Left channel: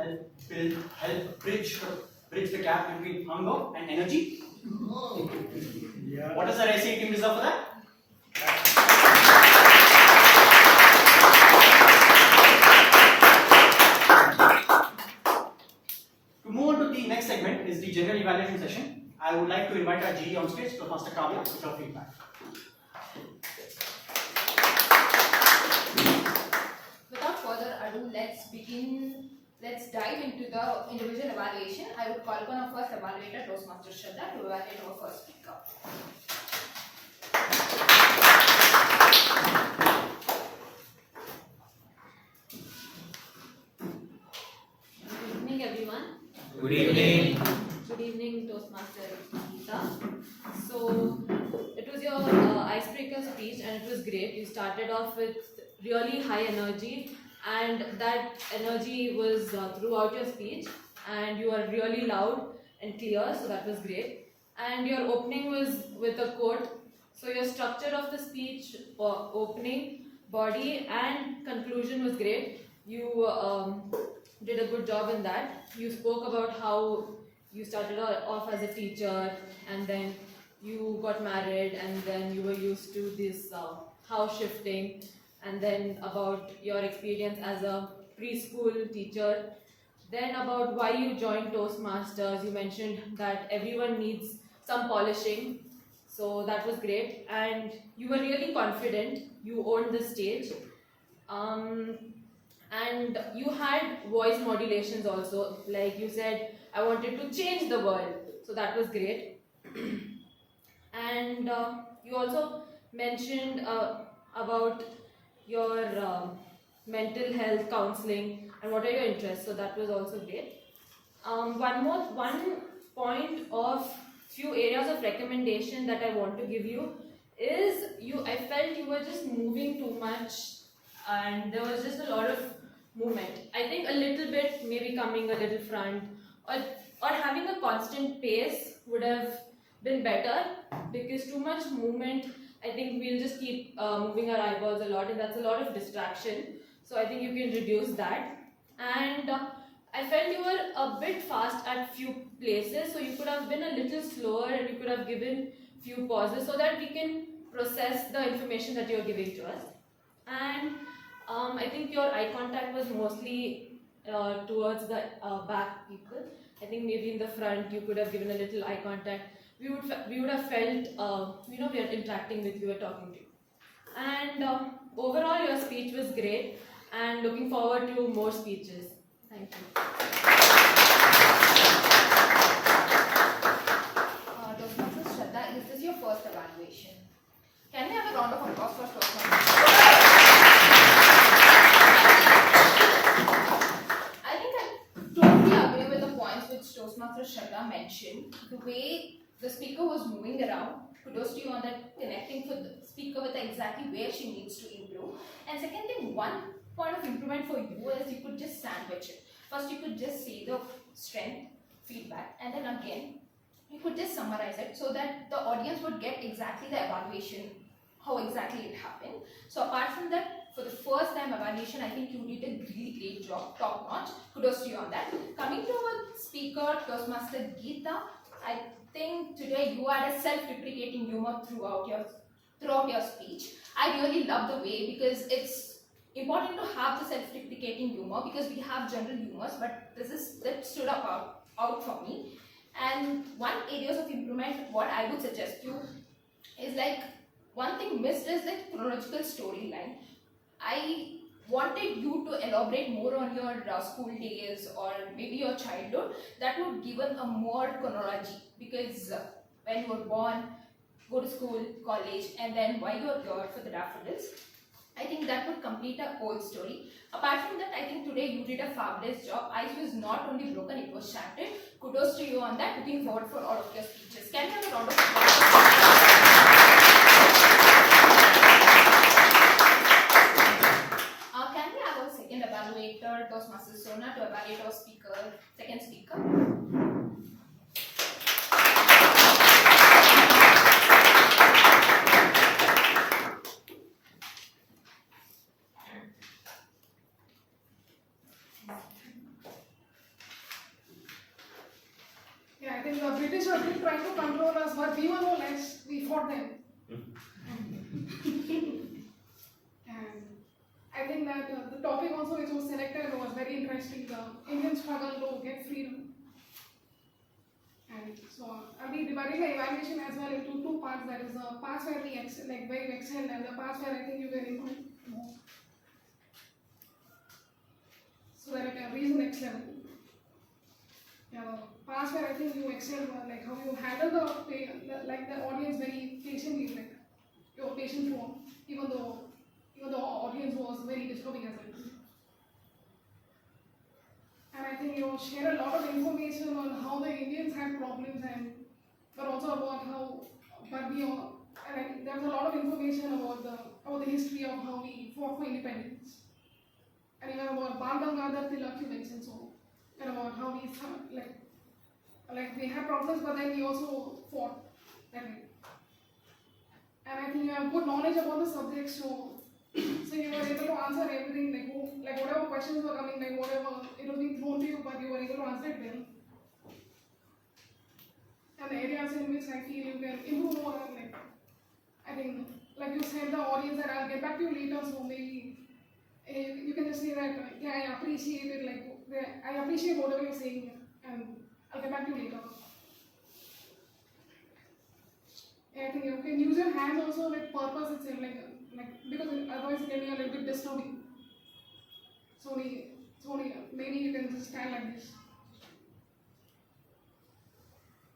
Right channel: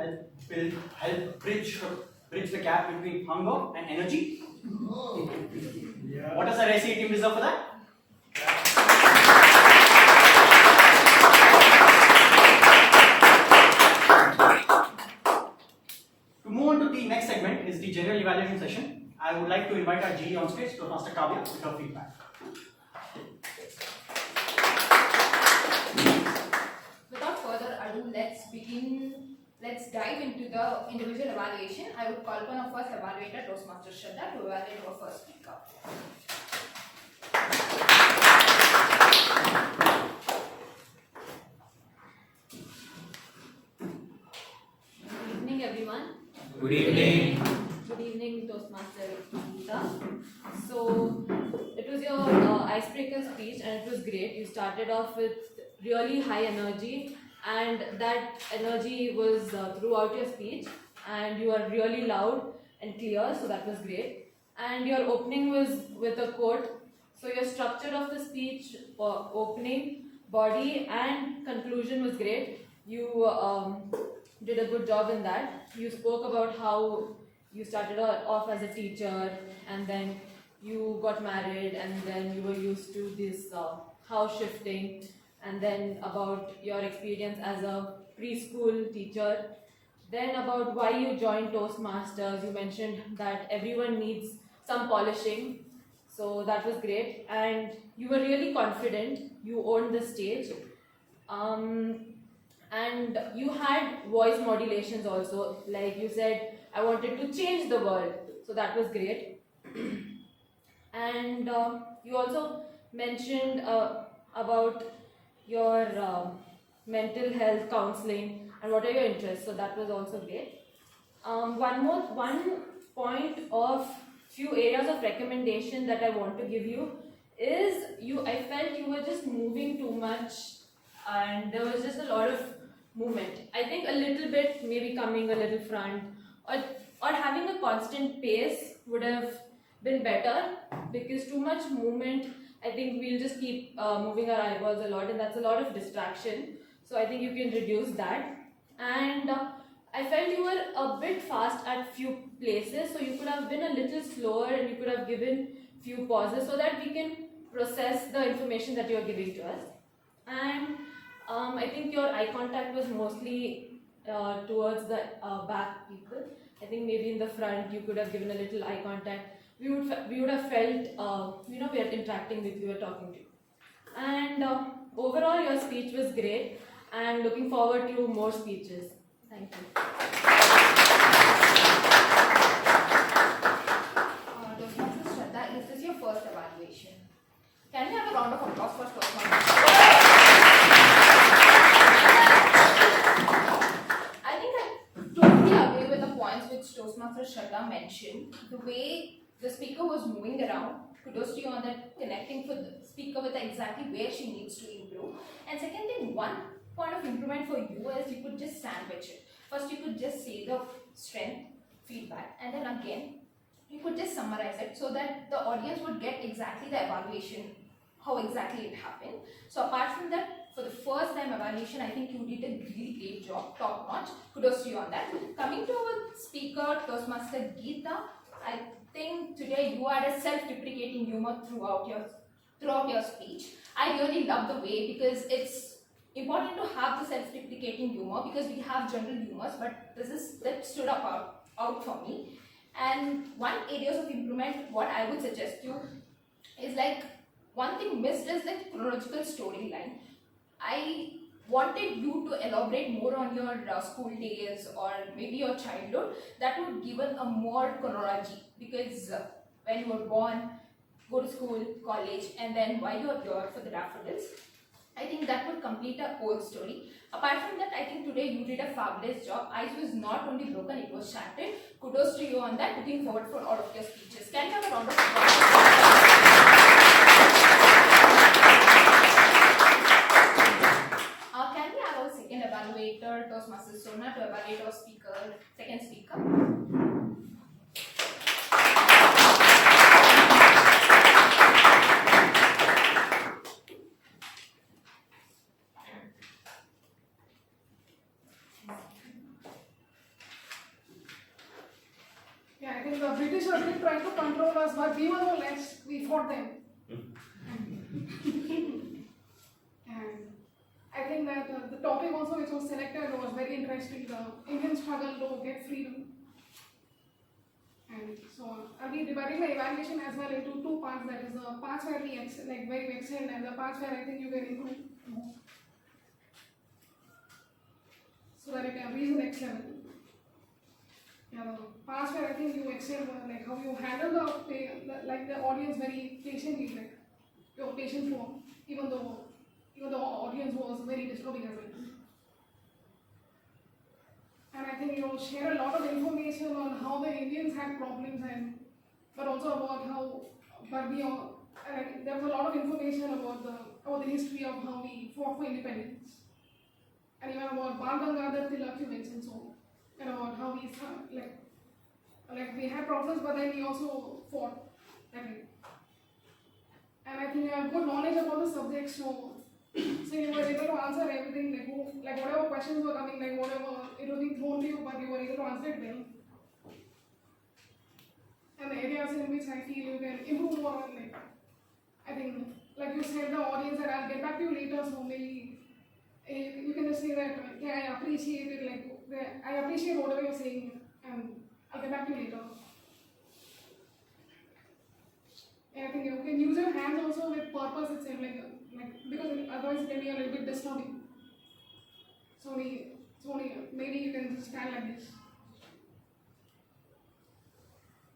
help bridge the gap between hunger and energy? Yeah. What does the RSA team deserve for that? To move on to the next segment is the general evaluation session. I would like to invite our GE on stage, Toastmaster Kavya, with her feedback. Without further ado, let's dive into the individual evaluation. I would call upon our first evaluator, Toastmaster Shraddha, to evaluate our first speaker. Good evening, everyone. Good evening. Good evening, Toastmaster Geeta. So, it was your icebreaker speech and it was great. You started off with really high energy, and that energy was throughout your speech, and you were really loud and clear, so that was great. And your opening was with a quote. So your structure of the speech, opening, body and conclusion was great. You did a good job in that. You spoke about how you started off as a teacher, and then you got married, and then you were used to this house shifting, and then about your experience as a preschool teacher, then about why you joined Toastmasters. You mentioned that everyone needs some polishing, so that was great, and you were really confident. You owned the stage, and you had voice modulations also. Like you said, I wanted to change the world, so that was great. And you also mentioned about your mental health counseling and what are your interests, so that was also great. One point of few areas of recommendation that I want to give you is I felt you were just moving too much and there was just a lot of movement. I think a little bit, maybe coming a little front, or having a constant pace would have been better, because too much movement, I think we'll just keep moving our eyeballs a lot, and that's a lot of distraction. So I think you can reduce that. And I felt you were a bit fast at few places, so you could have been a little slower and you could have given few pauses so that we can process the information that you're giving to us. And I think your eye contact was mostly towards the back people. I think maybe in the front you could have given a little eye contact. We would have felt, we are interacting with you, we're talking to you. And overall your speech was great, and looking forward to more speeches. Thank you. Toastmasters Shraddha, this is your first evaluation. Can we have a round of applause for Toastmasters? I think I totally agree with the points which Toastmaster Shraddha mentioned. The way the speaker was moving around, kudos to you on that, connecting with the speaker with exactly where she needs to improve. And second thing, one point of improvement for you is you could just sandwich it. First you could just say the strength, feedback, and then again you could just summarize it so that the audience would get exactly the evaluation, how exactly it happened. So apart from that, for the first time evaluation, I think you did a really great job, top notch. Kudos to you on that. Coming to our speaker, Toastmaster Geeta, I think today you had a self-deprecating humor throughout your speech. I really love the way, because it's important to have the self-deprecating humor, because we have general humors, but that stood up out for me. And one areas of improvement, what I would suggest you is, like, one thing missed is the chronological storyline. I wanted you to elaborate more on your school days or maybe your childhood. That would give a more chronology, because when you were born, go to school, college, and then while you are here for the Daffodils, I think that would complete a whole story. Apart from that, I think today you did a fabulous job. Ice was not only broken, it was shattered. Kudos to you on that. Looking forward for all of your speeches. Can you have a round of applause? Can we have our second evaluator, Toastmaster Sona, to evaluate our second speaker? British were still trying to control us, but we were no less. We fought them. And I think that the topic also which was selected was very interesting, the Indian struggle to get freedom. And so I'll be dividing the evaluation as well into two parts, that is the parts where we where you excel and the parts where I think you can improve more. So that I can reach the next level. Yeah, the parts where I think you excel were like how you handle the audience very patiently, like your patient flow, even though the audience was very disturbing as well. And I think you share a lot of information on how the Indians had problems, but also about how Barbie, and there was a lot of information about the history of how we fought for independence, and even about Bal Gangadhar Tilak you mentioned, so, and about how we like we had problems, but then we also fought. And I think you have good knowledge about the subject, so you were able to answer everything, like whatever questions were coming, like whatever it was being thrown to you, but you were able to answer it well. And the areas in which I feel you can improve more, like I think, like you said, the audience that I'll get back to you later, so maybe you can just say that yeah, I appreciate it, I appreciate whatever you're saying, and I'll get back to you later. And I think you can use your hands also with purpose itself, because otherwise it can be a little bit disturbing. So maybe you can just stand like this.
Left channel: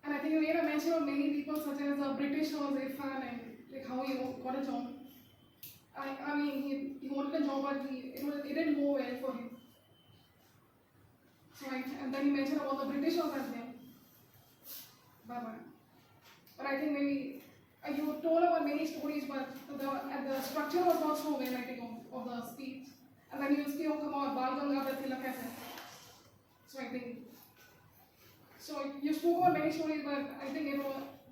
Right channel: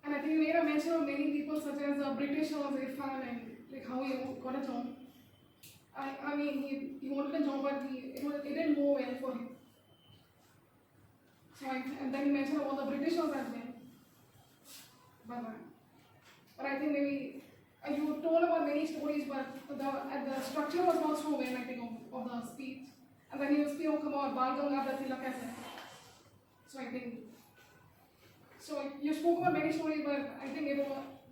And I think you made a mention of many people such as the British or Irfan and like how he got a job. I mean he wanted a job, but it didn't go well for him. So and then he mentioned about the British as well. But I think maybe you told about many stories, but the structure was not so well, I think, of the speech. And then you spoke about Bal Gangadhar Tilak as well. So I think, so you spoke about many stories, but I think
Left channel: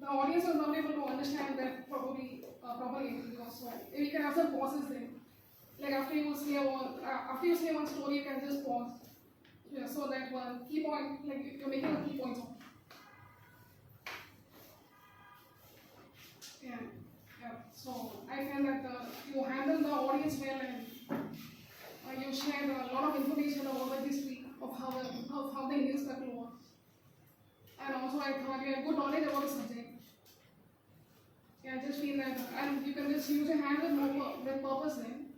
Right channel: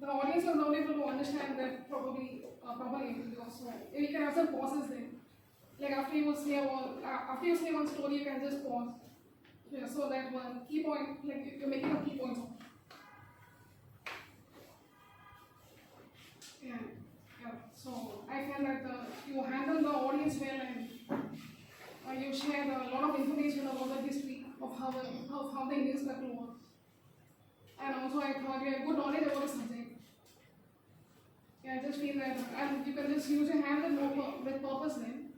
the audience was not able to understand that properly because we can have some pauses there. Like after you say one story, you can just pause. Yeah, so that one key point, like you're making a key point. Yeah. So I find that you handle the audience well, and you shared a lot of information about the history of how the Indian struggle was. And also I thought you had good knowledge about the subject. Yeah, I just feel that, and you can just use your hands with purpose then,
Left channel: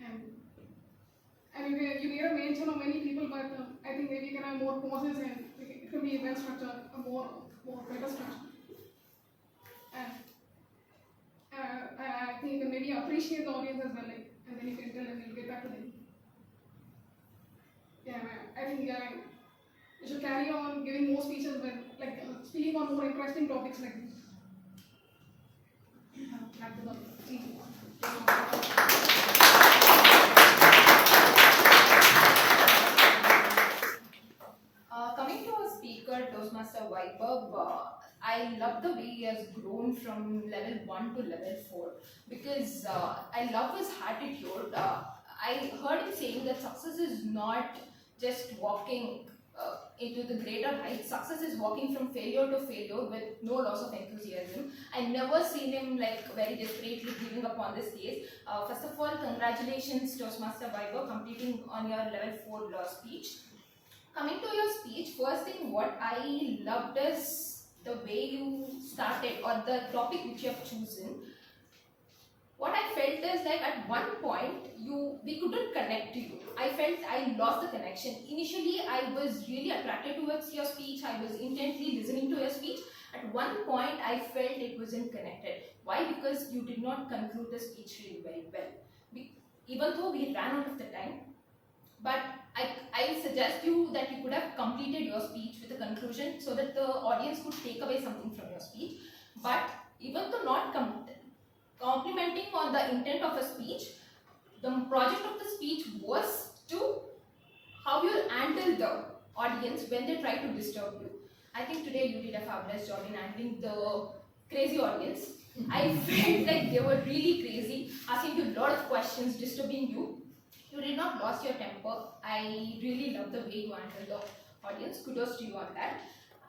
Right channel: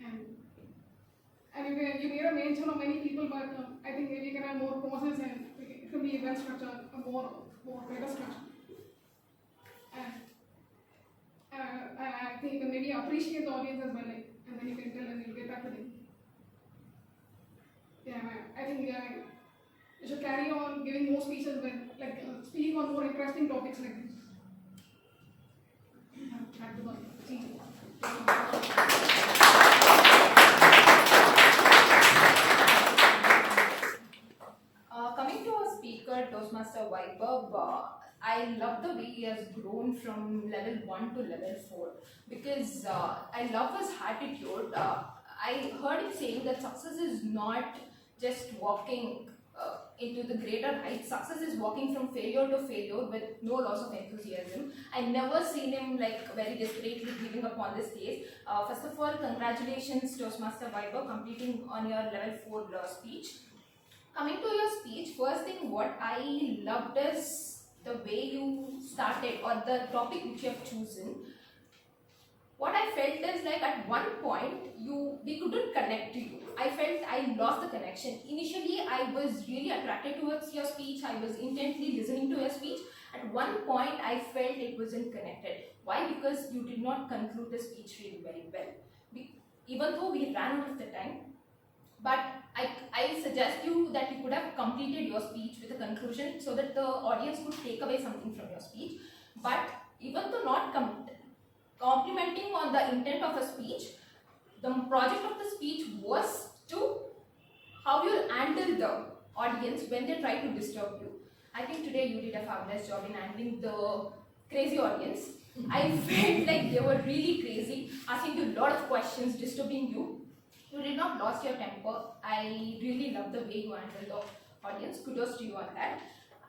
and you made a mention of many people, but I think maybe you can have more pauses and it can be well structured, a more better structure. And I think you can maybe appreciate the audience as well, and then you can tell and you'll get back to them. Yeah, I think you should carry on giving more speeches, but speaking on more interesting topics like this. Back to the teaching. Coming to our speaker, Toastmaster Vaibhav, I love the way he has grown from level 1 to level 4 because I love his attitude. I heard him saying that success is not just walking into the greater heights. Success is walking from failure to failure with no loss of enthusiasm. I never seen him very desperately giving up on this case. First of all, congratulations Toastmaster Vaibhav completing on your level 4 speech. Coming to your speech, first thing what I loved is the way you started or the topic which you have chosen. What I felt is at one point we couldn't connect to you. I felt I lost the connection. Initially I was really attracted towards your speech. I was intently listening to your speech. At one point I felt it wasn't connected. Why? Because you did not conclude the speech really very well. Even though we ran out of the time, but I suggest you that you could have completed your speech with a conclusion so that the audience could take away something from your speech. But even though not complimenting on the intent of a speech, the project of the speech was to how you handle the audience when they try to disturb you. I think today you did a fabulous job in handling the crazy audience. I felt like they were really crazy, asking you a lot of questions, disturbing you. You did not lose your temper. I really love the way you handled the audience. Kudos to you on that.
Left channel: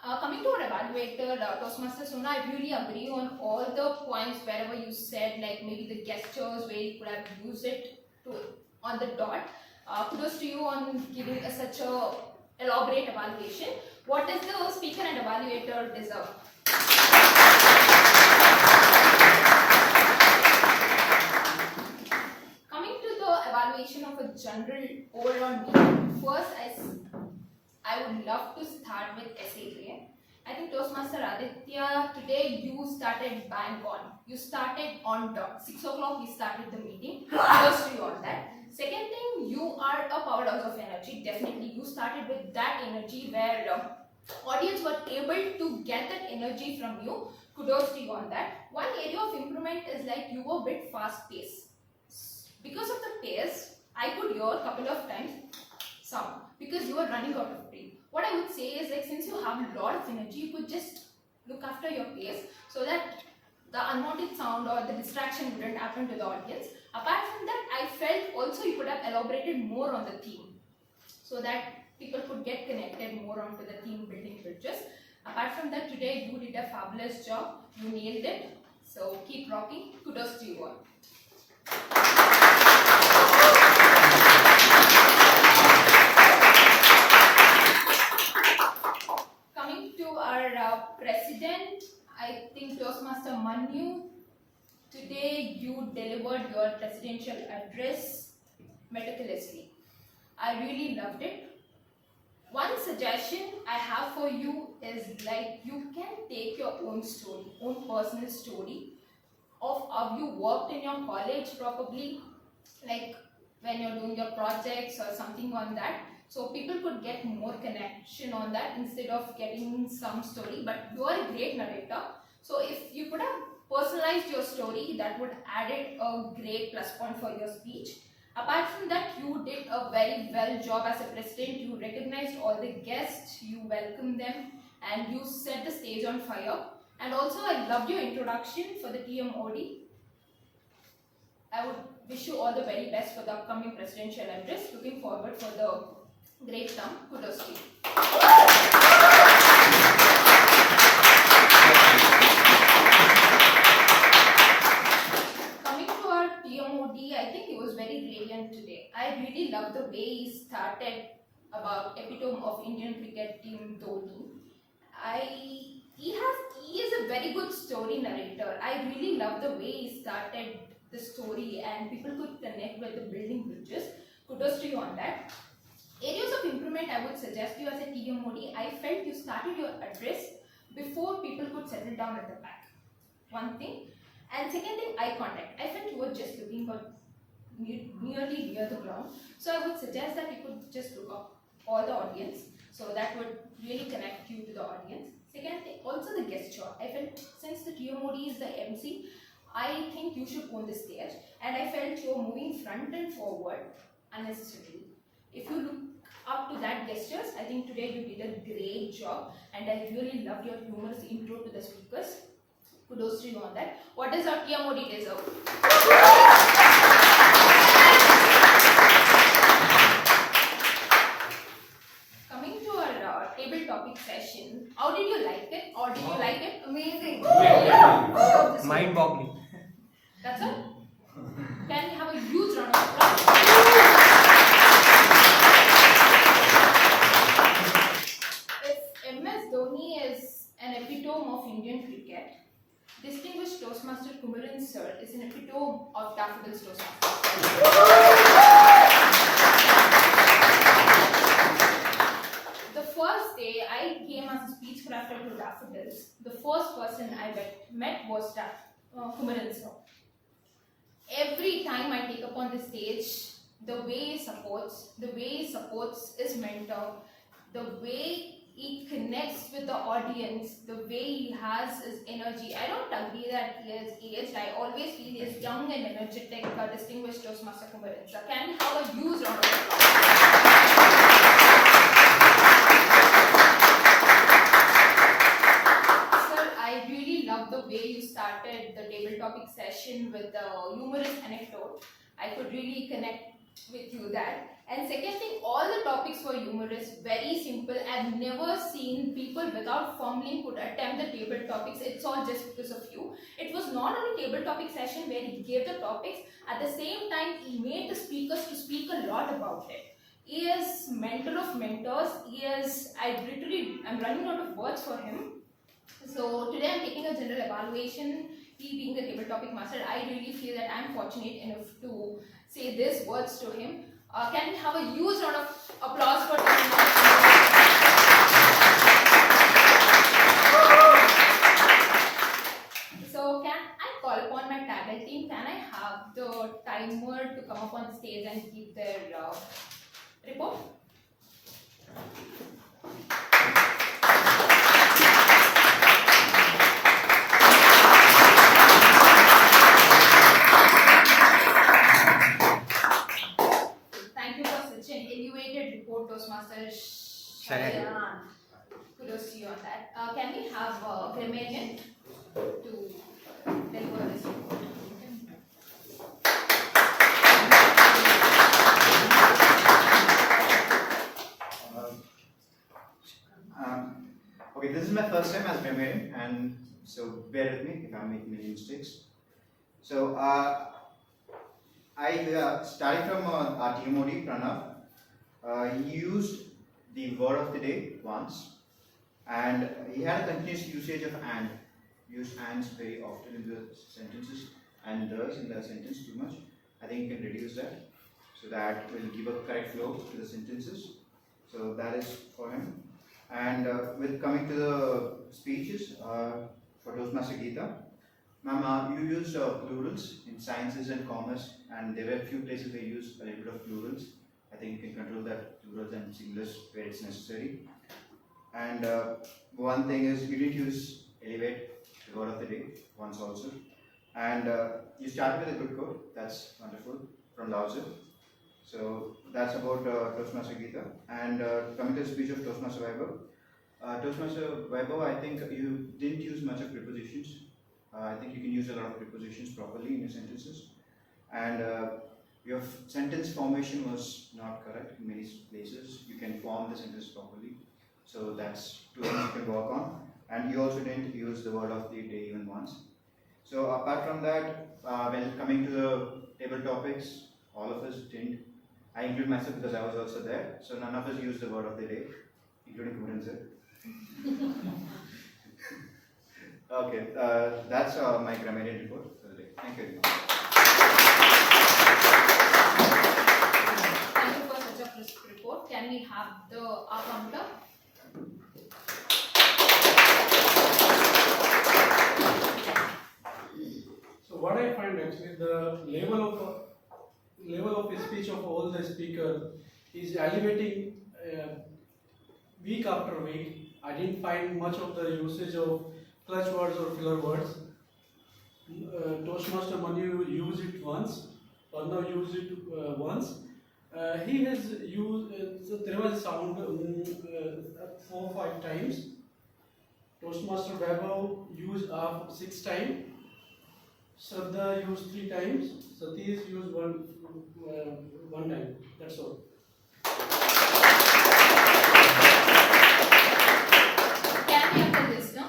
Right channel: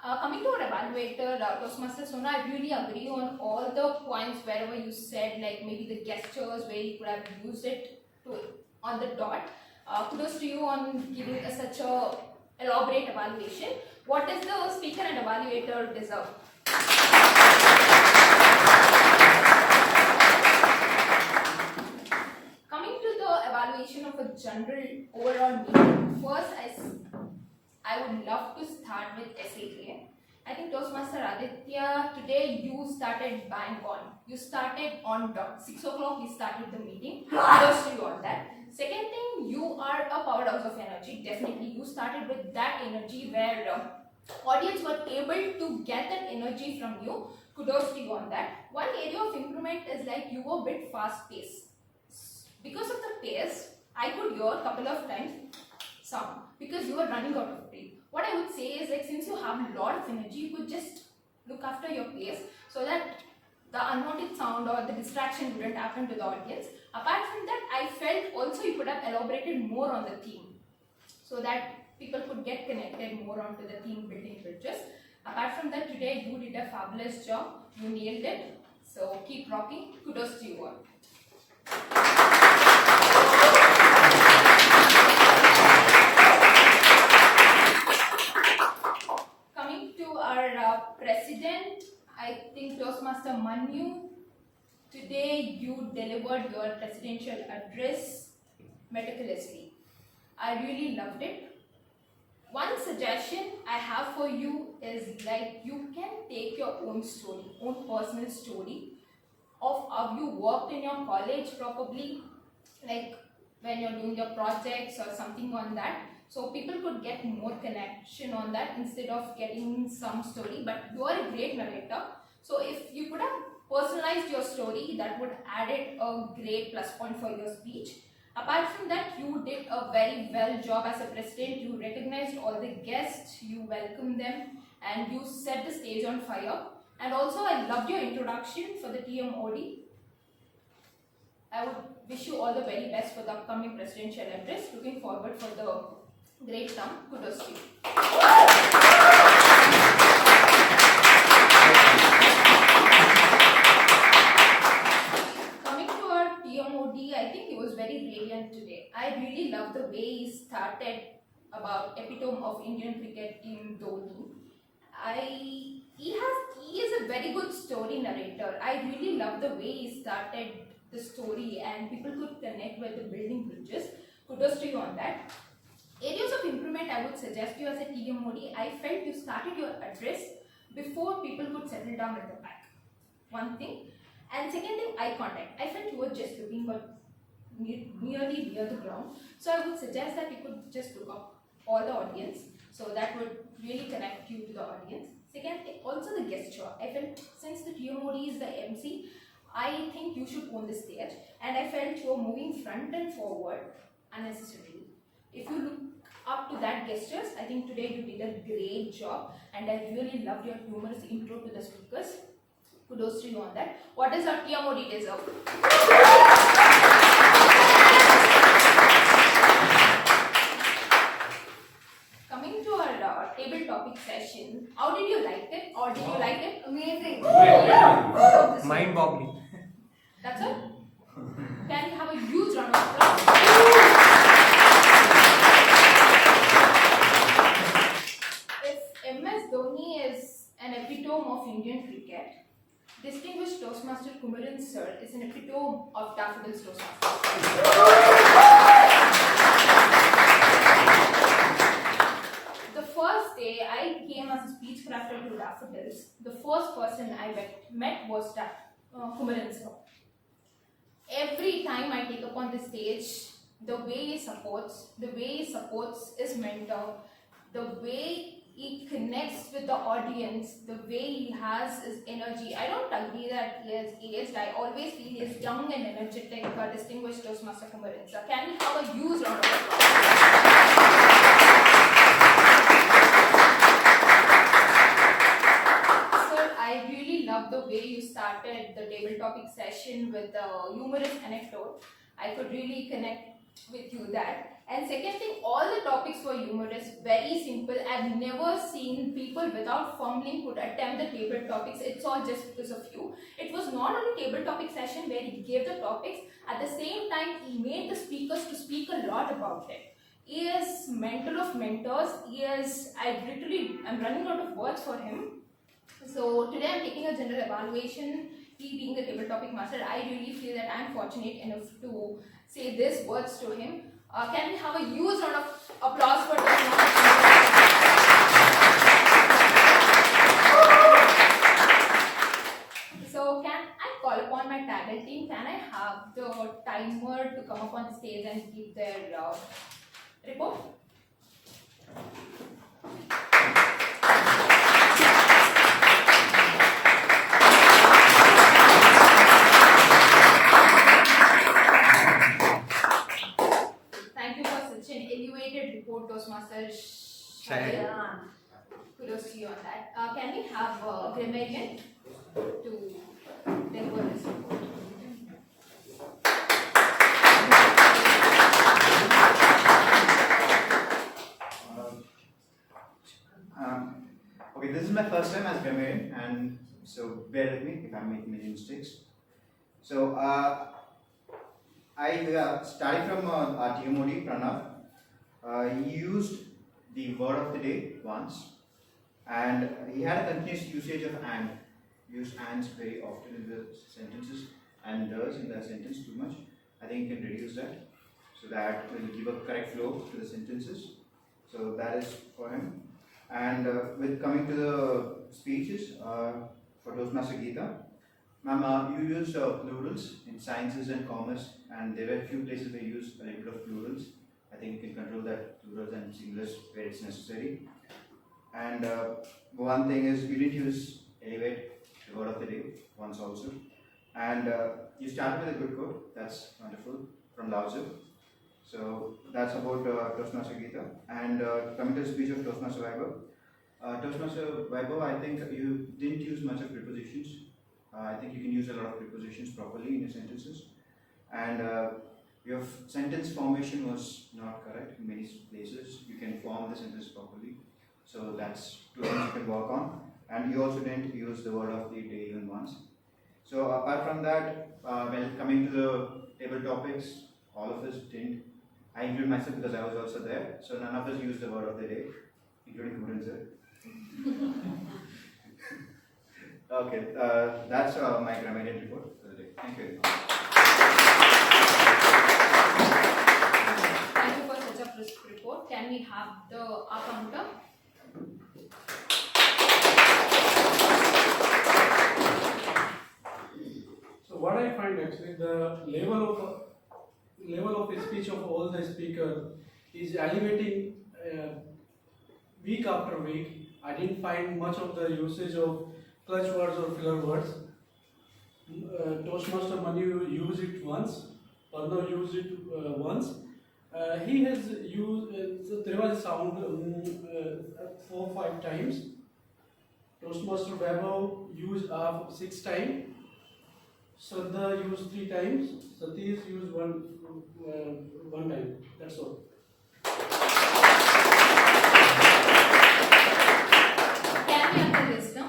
Coming to our evaluator, Toastmaster Sona, I really agree on all the points wherever you said, like maybe the gestures where you could have used it to on the dot. Kudos to you on giving us such a elaborate evaluation. What does the speaker and evaluator deserve? Coming to the evaluation of a general overall meeting, first I would love to start with SAK. I think Toastmaster Aditya, today you started bang on. You started on dot. 6 o'clock we started the meeting. Kudos to you on that. Second thing, you are a powerhouse of energy. Definitely, you started with that energy where audience were able to get that energy from you. Kudos to you on that. One area of improvement is like you were a bit fast paced. Because of the pace, I could hear a couple of times sound because you were running out of breath. What I would say is like since you have a lot of energy, you could just look after your pace so that the unwanted sound or the distraction wouldn't happen to the audience. Apart from that, I felt also you could have elaborated more on the theme so that people could get connected more onto the theme building bridges. Apart from that, today you did a fabulous job. You nailed it. So keep rocking. Kudos to you all. Coming to our president, I think Toastmaster Manu, today you delivered your presidential address meticulously. I really loved it. One suggestion I have for you is like you can take your own story, own personal story of how you worked in your college probably, like when you're doing your projects or something on that. So people could get more connection on that instead of getting some story. But you are a great narrator. So if you could have personalized your story, that would added a great plus point for your speech. Apart from that, you did a very well job as a president. You recognized all the guests, you welcomed them, and you set the stage on fire. And also, I loved your introduction for the TMOD. I would wish you all the very best for the upcoming presidential address. Looking forward for the great term. Kudos to you. Coming to our TMOD, I think it was very brilliant today. I really love the way he started about epitome of Indian cricket team Dhoni. He is a very good story narrator. I really love the way he started the story and people could connect with the building bridges. Kudos to you on that. Areas of improvement I would suggest you as a TMOD. I felt you started your address before people could settle down at the back. One thing. And second thing, eye contact. I felt you were just looking but nearly near the ground. So I would suggest that you could just look up all the audience. So that would really connect you to the audience. Second thing, also the gesture. I felt since the TMOD is the MC, I think you should own the stage. And I felt you were moving front and forward unnecessarily. If you look up to that gestures, I think today you did a great job. And I really loved your humorous intro to the speakers. Kudos to you on that. What does our TMOD deserve? Coming to our table topic session, how did you like it? Or did you like it? Amazing. Mind-boggling. That's all? Can we have a huge round of applause? If MS Dhoni is an epitome of Indian cricket, distinguished Toastmaster Kumaran sir is an epitome of Daffodils Toastmasters. The first day I came as a speech crafter to Daffodils, the first person I met was Kumaran sir. Every time I take up on the stage, the way he supports his mentor, the way he connects with the audience, the way he has his energy. I don't agree that he is aged. I always feel he is young and energetic, distinguished Toastmaster Kumaran sir. Can we have a huge round of applause? I really love the way you started the table topic session with the humorous anecdote. I could really connect with you that. And second thing, all the topics were humorous, very simple. I've never seen people people without fumbling could attempt the table topics. It's all just because of you. It was not only table topic session where he gave the topics, at the same time he made the speakers to speak a lot about it. He is mentor of mentors. I'm running out of words for him. So today I'm taking a general evaluation. He being the table topic master, I really feel that I'm fortunate enough to say these words to him. Can we have a huge round of applause for So can I call upon my talent team? Can I have the timer to come up on the stage and give their report? Thank you for such an elevated report, Toastmasters. Kudos to you on that. Can we have a grammarian to deliver this report? Okay, this is my first time as grammarian, and so bear with me if I'm making many mistakes. So, starting from our TMOD, Pranav, he used the word of the day once, and he had a continuous usage of and. Used ands very often in the sentences and does in the sentence too much. I think you can reduce that, so that will give a correct flow to the sentences. So that is for him. And with coming to the speeches, for Toastmaster Geeta, ma'am, you used plurals in sciences and commerce, and there were a few places where you used a little bit of plurals. I think you can control that plurals and singulars where it's necessary. And one thing is you did use elevate, the word of the day, once also. And you started with a good quote, that's wonderful, from Lao Tzu. So that's about Toastmaster Geeta. And coming to the speech of Toastmaster Vaibhav. Toastmaster Vaibhav, I think you didn't use much of prepositions. I think you can use a lot of prepositions properly in your sentences. And your sentence formation was not correct in many places. You can form the sentence properly. So that's two things you can work on. And you also didn't use the word of the day even once. So apart from that, when coming to the table topics, all of us didn't. I include myself because I was also there. So none of us used the word of the day, including Kumaran sir. Okay, that's my grammarian report for the day. Thank you very much. Thank you for such a crisp report. Can we have the counter? So what I find actually, the level of speech of all the speakers is elevating week after week. I didn't find much of the usage of clutch words or filler words. Toastmaster Manu used it once, Arnav used it once. He has used, so there was sound 4 or 5 times. Toastmaster Vaibhav used 6 times. Shraddha used 3 times. Satish used one time. That's all. Can we have the list now?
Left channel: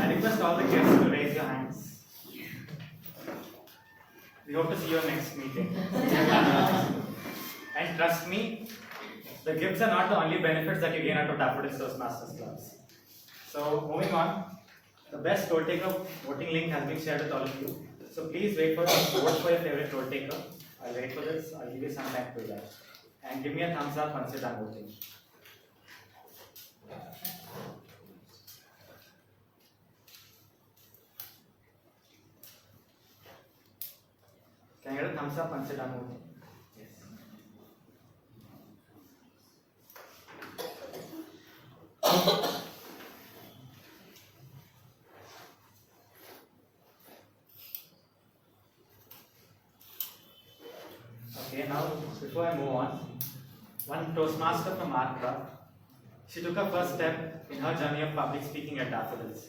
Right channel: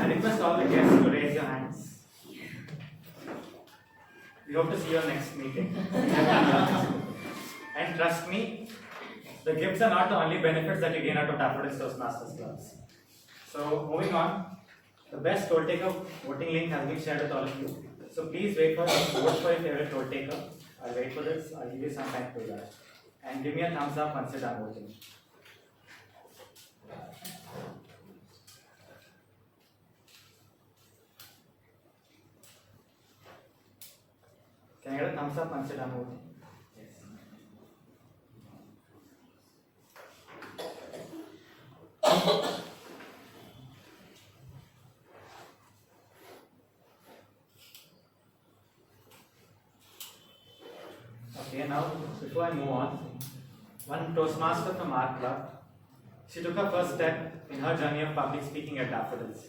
I request all the guests to raise your hands. We hope to see you next meeting. And trust me, the gifts are not the only benefits that you gain out of Daffodils Toastmasters clubs. So moving on, the best toll taker voting link has been shared with all of you. So please vote for your favorite toll taker. I'll wait for this. I'll give you some time to do that. And give me a thumbs up once you're done voting. Can I get a thumbs up once you're done voting? Yes. Okay, now before I move on, one Toastmaster from our club, she took her first step in her journey of public speaking at Daffodils.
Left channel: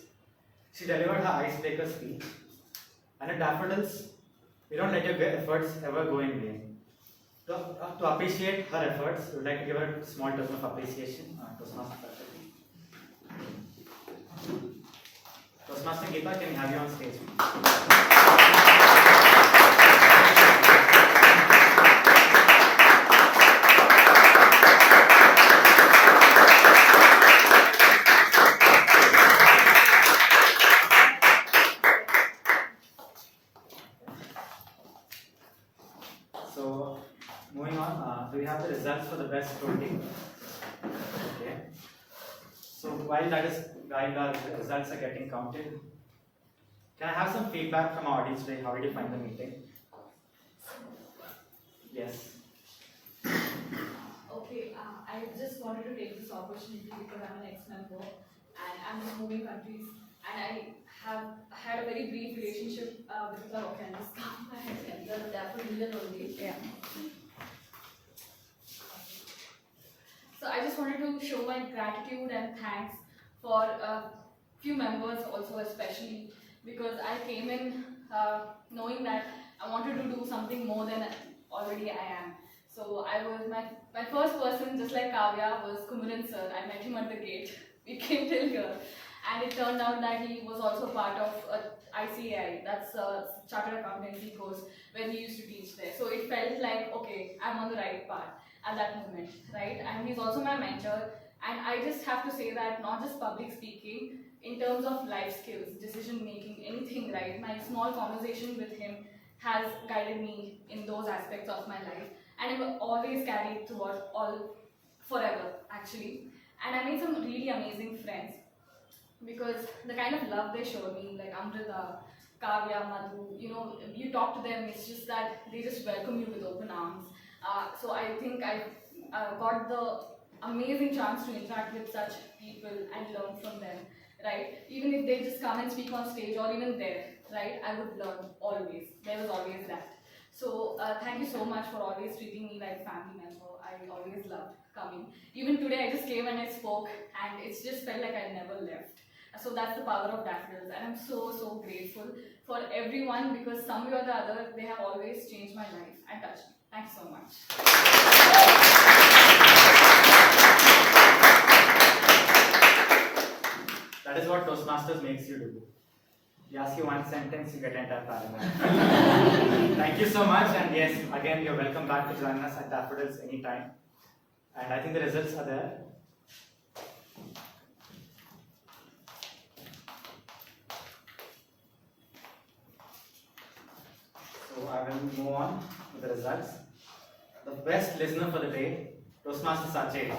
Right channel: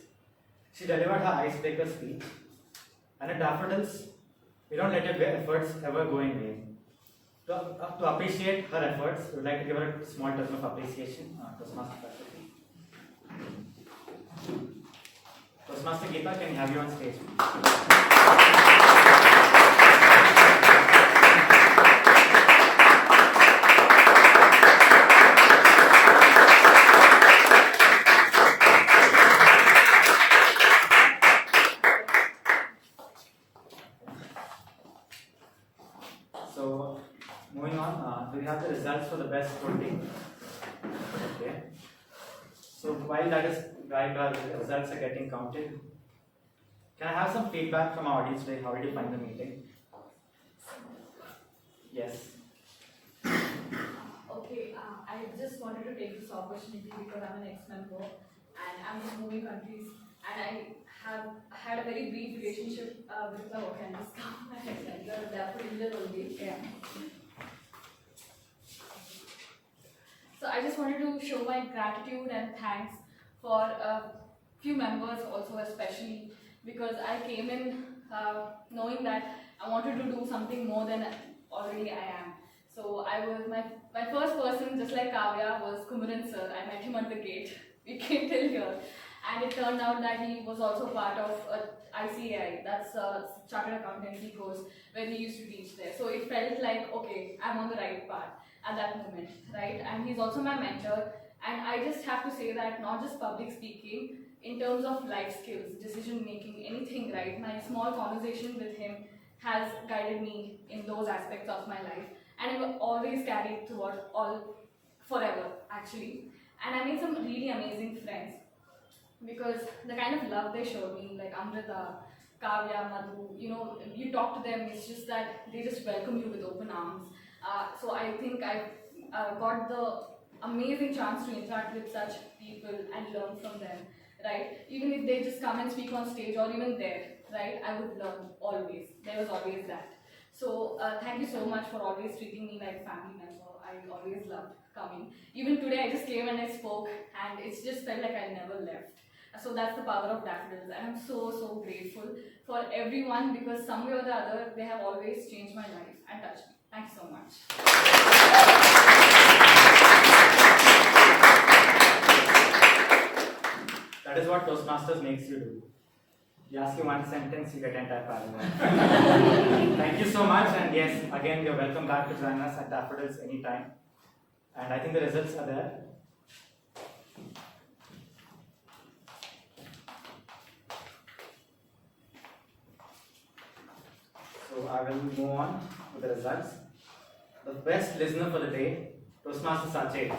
She delivered her icebreaker speech, and at Daffodils, we don't let your efforts ever go in vain. To appreciate her efforts, we would like to give her a small token of appreciation. Toastmaster faculty. Toastmaster Geeta, can we have you on stage? So, moving on, do we have the results for the best voting? Okay. So, while the results are getting counted, can I have some feedback from our audience today? How did you find the meeting? Yes. Okay, I just wanted to take this opportunity because I'm an ex-member and I'm in moving countries, and I have had a very brief relationship with the organist. The Daffodils only. Yeah. So I just wanted to show my gratitude and thanks for a few members also, especially because I came in knowing that I wanted to do something more than already I am. So I was my first person, just like Kavya, was Kumaran sir. I met him at the gate. We came till here, and it turned out that he was also part of ICAI, that's a Chartered Accountancy course where he used to teach there. So it felt like, okay, I'm on the right path at that moment, right? And he's also my mentor. And I just have to say that not just public speaking, in terms of life skills, decision making, anything, right? My small conversation with him has guided me in those aspects of my life, and it will always carry throughout forever, actually. And I made some really amazing friends because the kind of love they showed me, like Amrita, Kavya, Madhu, you talk to them, it's just that they just welcome you with open arms. So I think I got the amazing chance to interact with such people and learn from them, right? Even if they just come and speak on stage or even there, right? I would learn always. There was always that. So thank you so much for always treating me like a family member. I always loved coming. Even today I just came and I spoke, and it's just felt like I never left. So that's the power of Daffodils, and I'm so grateful for everyone because some way or the other they have always changed my life and touched me. Thanks so much. That is what Toastmasters makes you do. You ask you one sentence, you get entire paragraph. Thank you so much, and yes, again, you're welcome back to join us at Daffodils anytime. And I think the results are there. So I will move on with the results. The best listener for the day, Toastmaster Sachet.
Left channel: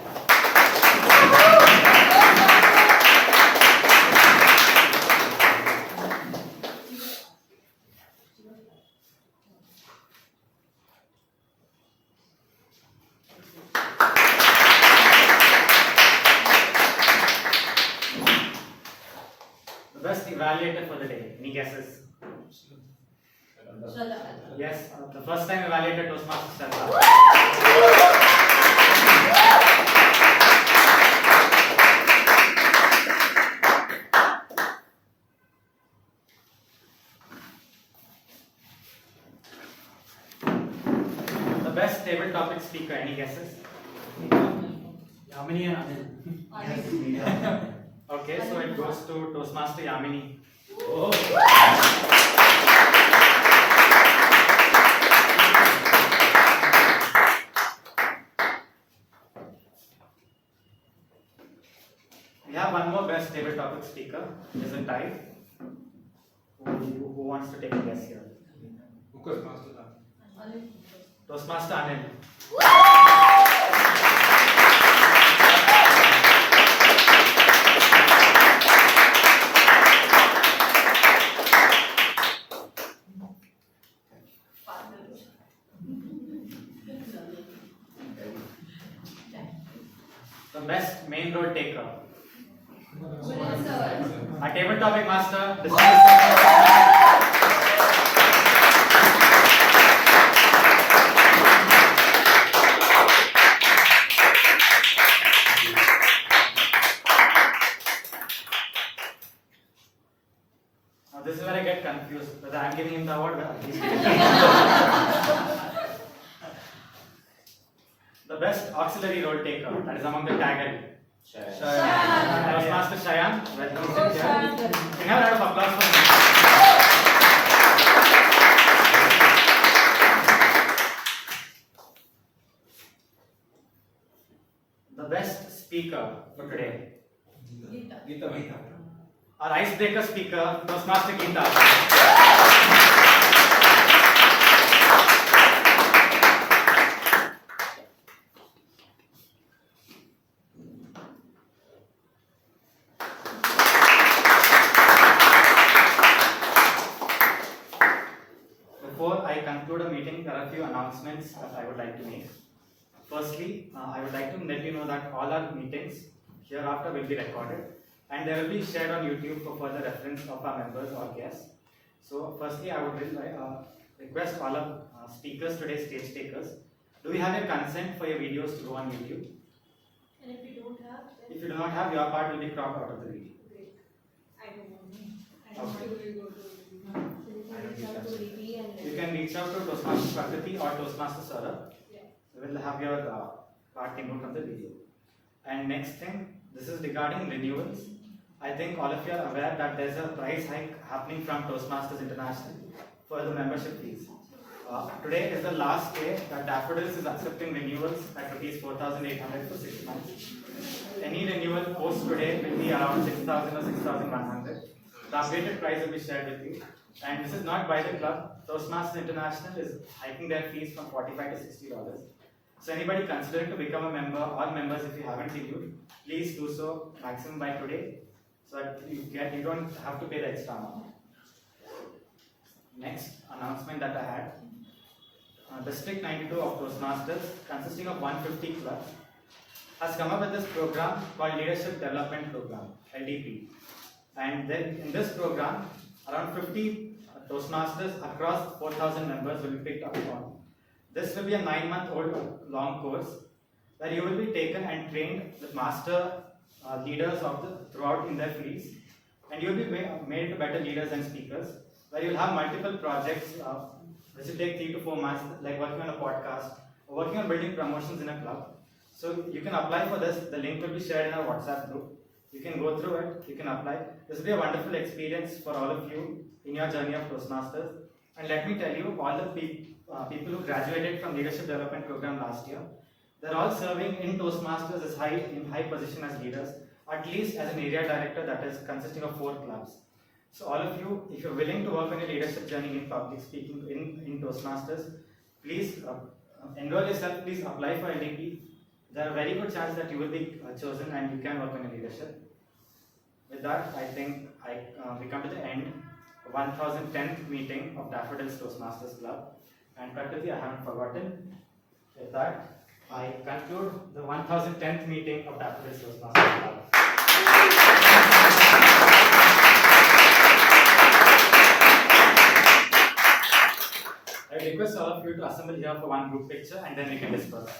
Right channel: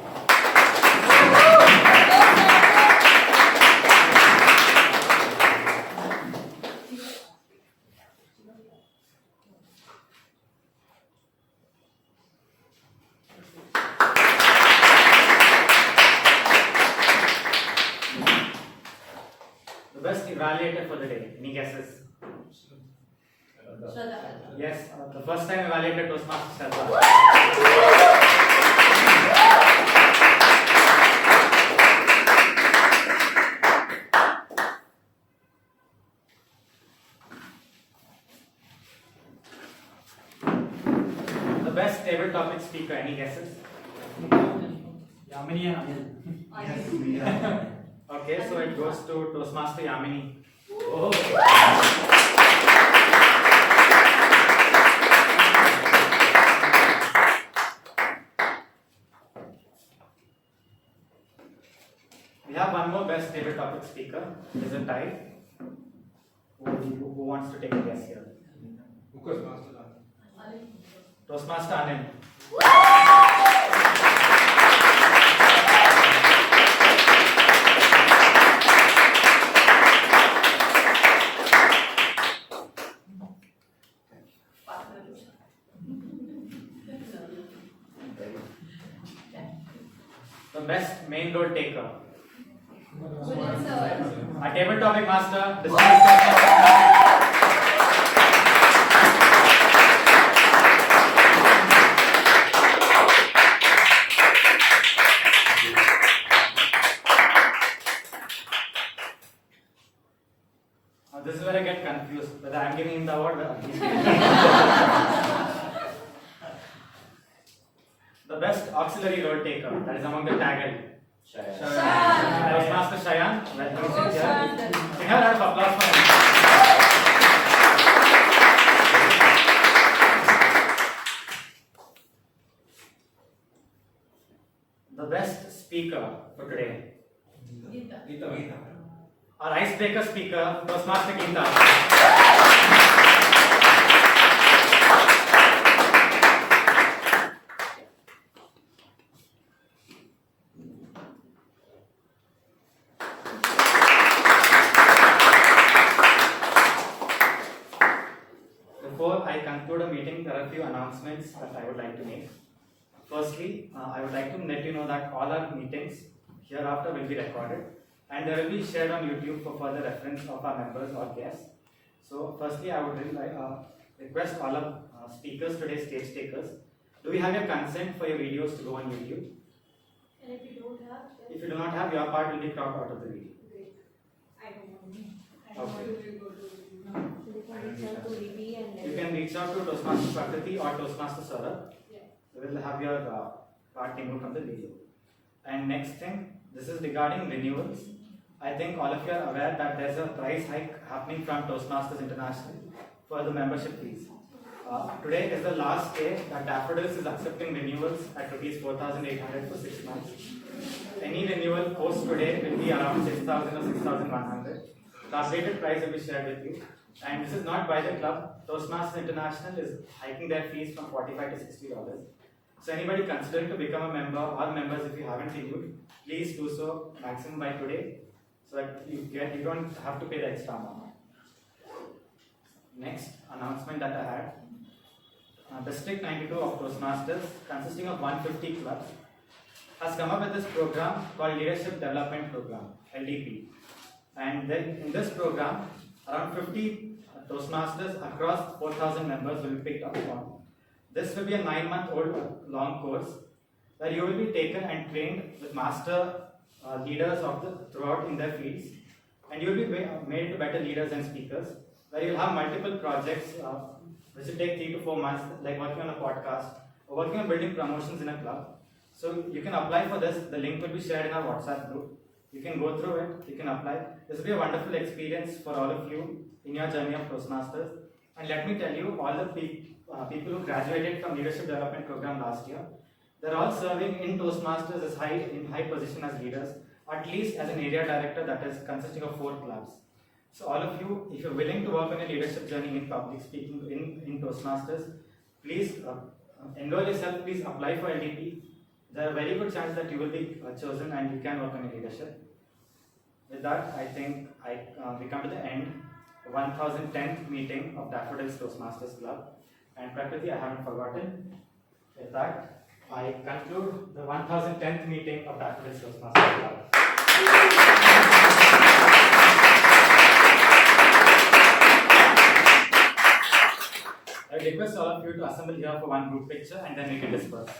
The best evaluator for the day, any guesses? Yes, the first time evaluator Toastmaster Shraddha. The best table topic speaker, any guesses? Yamini and Anil. Okay, so it goes to Toastmaster Yamini. We have one more best table topic speaker. It is a tie. Who wants to take a guess here? Toastmaster Anil. The best main role taker. Our table topic master, distinguished The best auxiliary role taker, that is among the tagger. Shayan. Toastmaster Shayan, well, he's in here. Can you have a round of applause for him? The best speaker for today. Our icebreaker speaker, Toastmaster Geeta. Before I conclude a meeting, there are a few announcements that I would like to make. Firstly, I would like to let you know that all our meetings hereafter will be recorded and they will be shared on YouTube for further reference of our members or guests. So, firstly, I would request all our speakers today, stage takers, do you have your consent for your videos to go on YouTube? And if you don't have, then If you do not have, your part will be cropped out of the video. great. I don't want me. Okay. And You can reach out to Toastmaster Prakriti or Toastmaster Saurabh. Yeah. We will have your part removed from the video. And next thing, this is regarding renewals. I think all of you are aware that there's a price hike happening from Toastmasters International for the membership fees. Today is the last day that Daffodils is accepting renewals at rupees 4,800 for 6 months. Any renewal post today will be around 6,000 or 6,100. The updated price will be shared with you. And this is not by the club. Toastmasters International is hiking their fees from $45 to $60. So anybody considering to become a member or members, if you haven't renewed, please do so maximum by today, so that you don't have to pay the extra amount. Next announcement that I had, District 92 of Toastmasters, consisting of 150 clubs, has come up with this program called Leadership Development Program, LDP. And then in this program, around 50 Toastmasters across 4,000 members will be picked up on. This will be a 9-month-old long course where you will be taken and trained with master leaders throughout in their fields, and you will be made into better leaders and speakers, where you will have multiple projects which will take 3 to 4 months, like working on a podcast or working on building promotions in a club. So you can apply for this. The link will be shared in our WhatsApp group. You can go through it, you can apply. This will be a wonderful experience for all of you in your journey of Toastmasters. And let me tell you, all the people who graduated from Leadership Development Program last year, they're all serving in Toastmasters as in high position as leaders, at least as an area director that is consisting of 4 clubs. So all of you, if you're willing to work on a leadership journey in public speaking in Toastmasters, please enroll yourself, please apply for LDP. There are a very good chance that you will be chosen and you can work on your leadership. With that, I think we come to the end of 1010th meeting of Daffodils Toastmasters Club. And Prakriti, I haven't forgotten. With that, I conclude the 1010th meeting of Daffodils Toastmasters Club. I request all of you to assemble here for one group picture and then we can disperse.